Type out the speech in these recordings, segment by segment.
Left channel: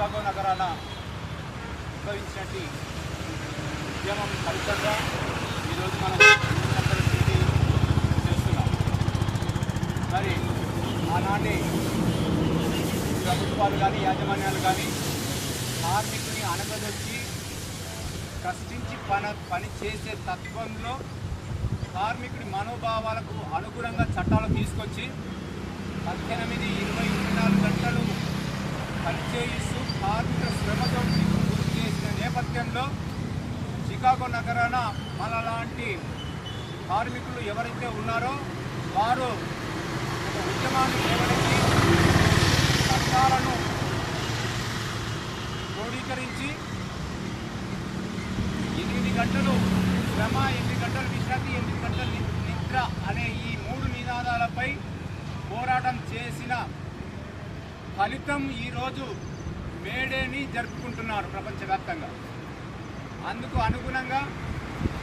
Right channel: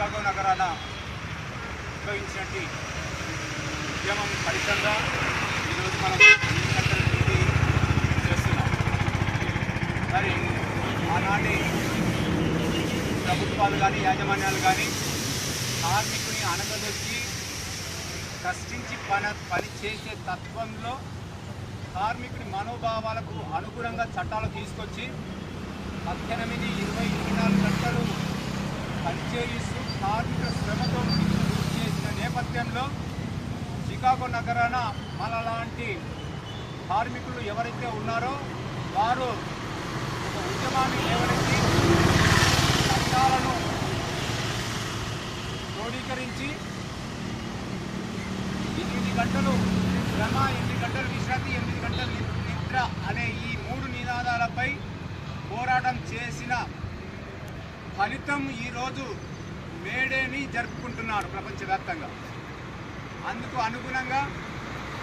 Chicago నగరాన ఉద్భవించినట్టు ఉద్యమం ఫలితంగా ఈరోజు మనం 8 గంటల డ్యూటీ చేస్తున్నాం. మరి ఆనాటి ప్రభుత్వాలు కానీ యాజమాన్యాలు కానీ కార్మికుని అనగదొచ్చి కష్టించి పని చేసే తత్వంలో కార్మికుడి మనోభావాలకు అనుగుణంగా చట్టాలు తీసుకొచ్చి 18, 20, 24 గంటలు పనిచేయిస్తూ కార్మికుల శ్రమతో గురి చేసిన నేపథ్యంలో చికాగో నగరాన మనలాంటి కార్మికులు ఎవరైతే ఉన్నారో వారు ఒక ఉద్యమాన్ని లేవనెత్తి చట్టాలను క్రోడీకరించి 8 గంటలు శ్రమ, 8 గంటలు విశ్రాంతి, 8 గంటలు నిద్ర అనే ఈ 3 నినాదాలపై పోరాటం చేసిన ఫలితం ఈరోజు మేడేని జరుపుకుంటున్నారు ప్రపంచవ్యాప్తంగా. అందుకు అనుగుణంగా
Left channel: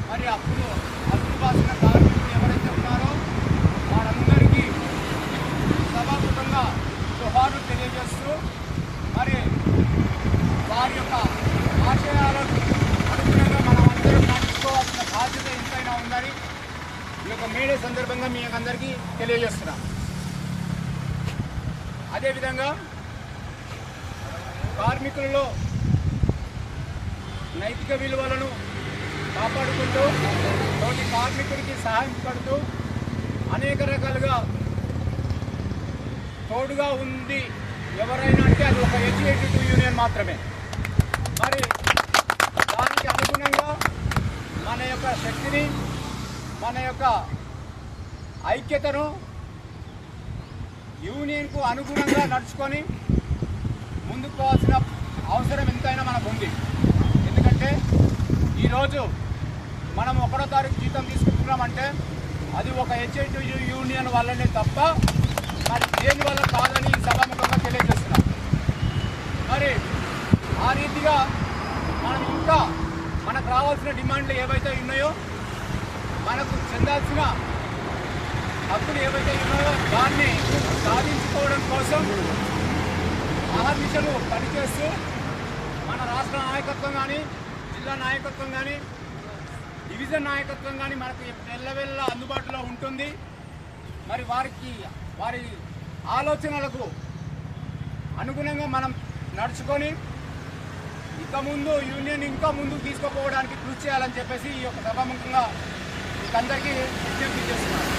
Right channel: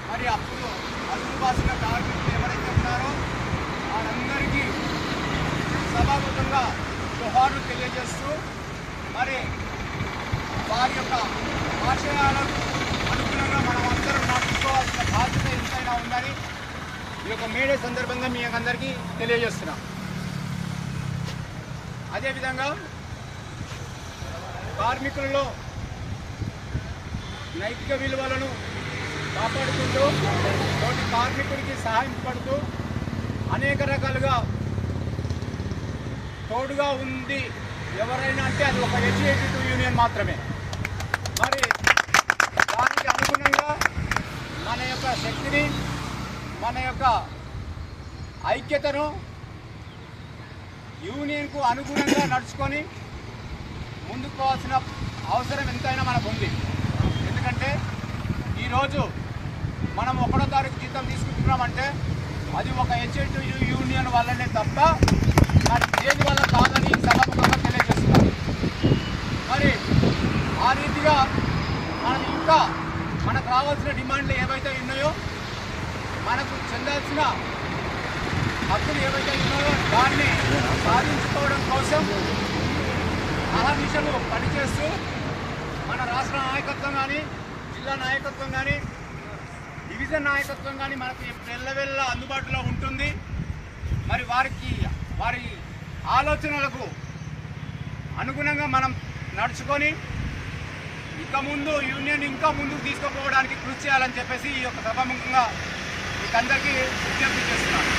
మరి అప్పుడు అదుపు బాసిన కార్మికులు ఎవరైతే ఉన్నారో వారందరికీ సభాముఖంగా జోహార్లు తెలియజేస్తూ మరి వారి యొక్క ఆశయాలకు అనుగుణంగా మనం అందరం నడుచుకోవాల్సిన బాధ్యత ఎంతైనా ఉందని ఈ యొక్క మేడే సందర్భంగా మీ అందరికీ తెలియజేస్తున్నాం. అదేవిధంగా కార్మికులలో నైతిక విలువలను కాపాడుకుంటూ తోటి కార్మికుడికి సహాయం పడుతూ అనేక రకాలుగా తోడుగా ఉంది ఎవరైనా అంటే అది ఒక HAT2 యూనియన్ మాత్రమే. మరి దానికి అనుగుణంగా మన యొక్క శక్తిని, మన యొక్క ఐక్యతను యూనియన్కు అనుగుణంగా నడుచుకొని ముందుకు పోవాల్సిన అవసరం ఎంతైనా మనకు ఉంది. ఎందుకంటే ఈరోజు మనం 1వ తారీఖు జీతం తీసుకుంటున్నామంటే అది ఒక HAT2 యూనియన్ వల్లనే తప్ప మరి దేని వల్ల కాదని సభాముఖంగా తెలియజేస్తున్నాం. మరి ఆ రీతిగా మనం ఇంకా మనకు రావాల్సిన డిమాండ్లు ఏవైతే ఉన్నాయో, మనకు చెందాల్సిన హక్కులు ఏవైతే ఉన్నాయో దాన్ని సాధించుకోవడం కోసం అహర్నిశలు పనిచేస్తూ మన రాష్ట్ర నాయకత్వం కానీ, జిల్లా నాయకత్వం కానీ, డివిజన్ నాయకత్వం కానీ మనకు ఎల్లవెల్ల అందుబాటులో ఉంటుంది. మరి వారి ఆలోచనలకు అనుగుణంగా మనం నడుచుకొని ఇక ముందు యూనియన్ ఇంకా ముందుకు తీసుకుపోవడానికి కృషి చేయాలని చెప్పేసి ఈ యొక్క సభాముఖంగా మీకు అందరికీ విజ్ఞప్తి చేస్తున్నాను.